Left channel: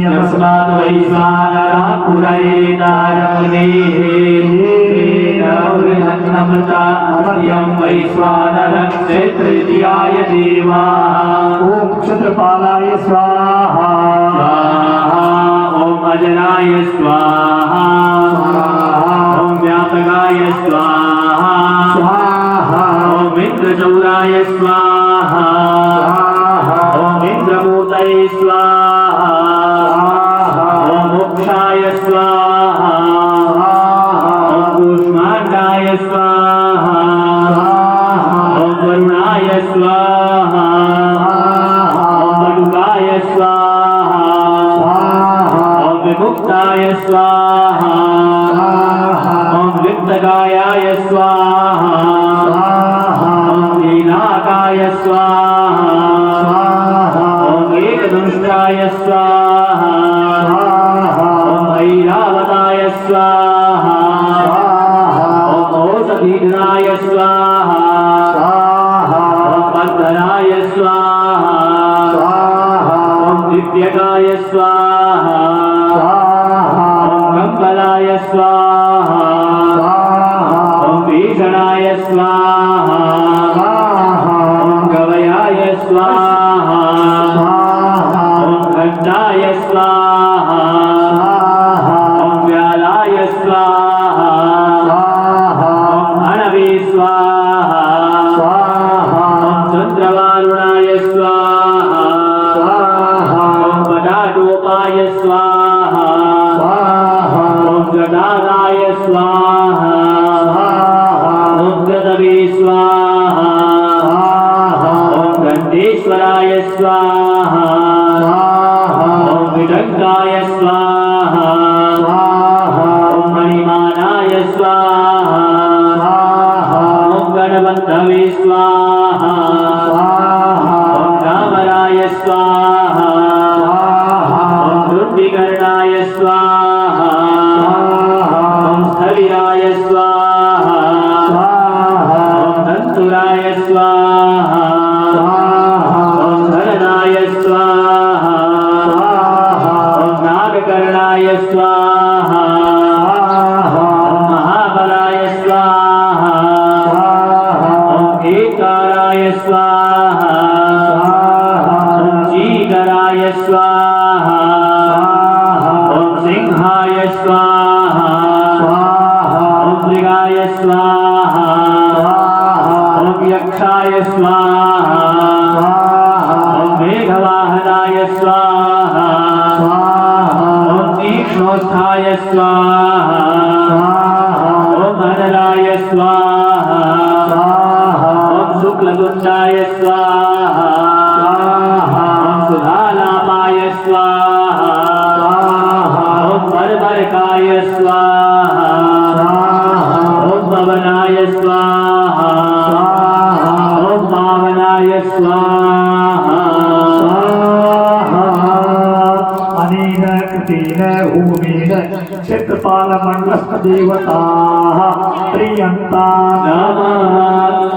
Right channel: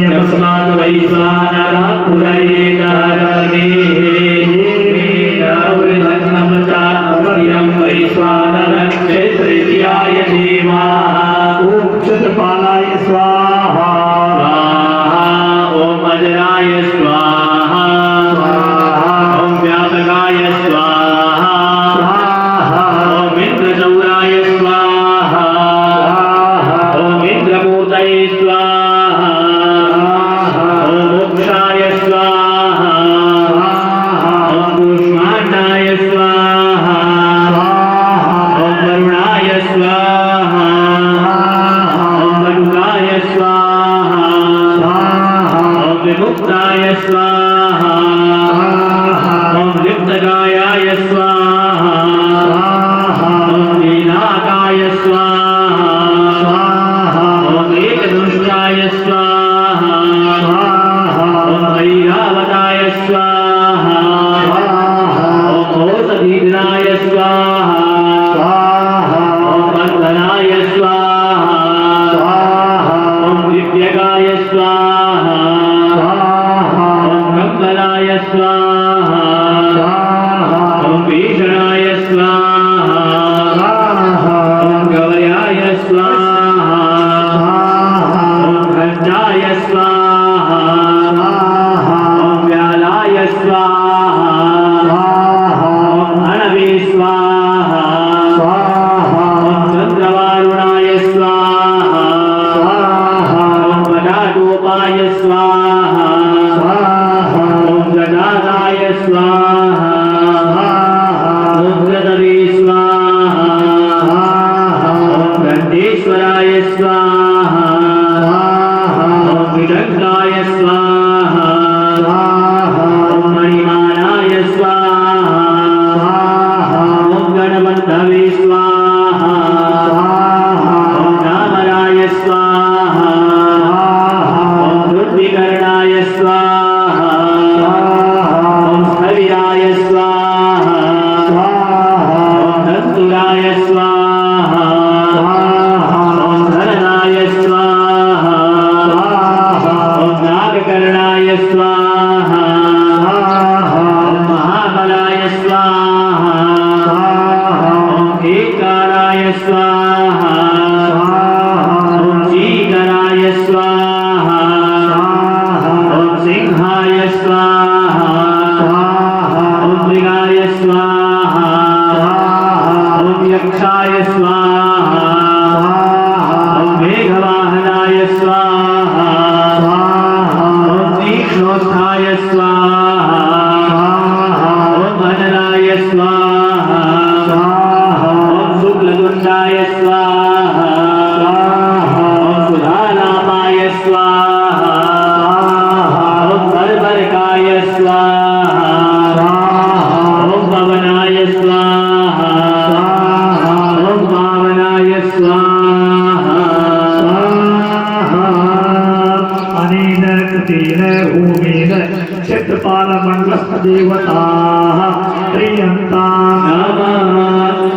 यस्माद् वैश्वानरः पुरैकादमनेः अभयं वैश्वानरं क्षेत्रियाय देवाः। ॐ क्षत्रपालाय स्वाहा ॐ अजराय स्वाहा ॐ व्यापकाय स्वाहा ॐ इन्द्रचौराय स्वाहा ॐ इन्द्रमूर्तये स्वाहा ॐ मोक्षाय स्वाहा ॐ कूष्माण्डाय स्वाहा ॐ वरुणाय स्वाहा ॐ वटुकाय स्वाहा ॐ विमुक्ताय स्वाहा ॐ लिप्तकायाय स्वाहा ॐ लीलाकाय स्वाहा ॐ एकदुष्टाय स्वाहा ॐ ऐरावताय स्वाहा ॐ औषधीघ्नाय स्वाहा ॐ बन्धनाय स्वाहा ॐ दिव्यकाय स्वाहा ॐ कम्बलाय स्वाहा ॐ भीषणाय स्वाहा ॐ गवयाय स्वाहा ॐ घण्टाय स्वाहा ॐ व्यालाय स्वाहा ॐ हणवे स्वाहा ॐ चन्द्रवारुणाय स्वाहा ॐ वटाटोपाय स्वाहा ॐ गदादाय स्वाहा ॐ गदवे स्वाहा ॐ दण्डेश्वराय स्वाहा ॐ विडङ्गाय स्वाहा ॐ मणिमानाय स्वाहा ॐ गणबन्धवे स्वाहा ॐ रामराय स्वाहा ॐ ऋद्विकर्णाय स्वाहा ॐ स्थविराय स्वाहा ॐ दन्तुराय स्वाहा ॐ धरणाय स्वाहा ॐ नागकर्णाय स्वाहा ॐ महाबलाय स्वाहा ॐ एकाराय स्वाहा ॐ जीकराय स्वाहा ॐ सिंहाय स्वाहा ॐ मृगाय स्वाहा ॐ यक्षाय स्वाहा ॐ मेघवाहनाय स्वाहा ॐ तीक्ष्णोत्थाय स्वाहा ॐ मननाय स्वाहा ॐ शुक्लतुण्डाय स्वाहा ॐ सुधालापाय स्वाहा ॐ बर्बरकाय स्वाहा ॐ पवनाय स्वाहा ॐ पावनाय स्वाहा अनेन कृतेन होमेन क्षत्रपालमण्डलस्थदेवताः प्रियन्ताम् नमः।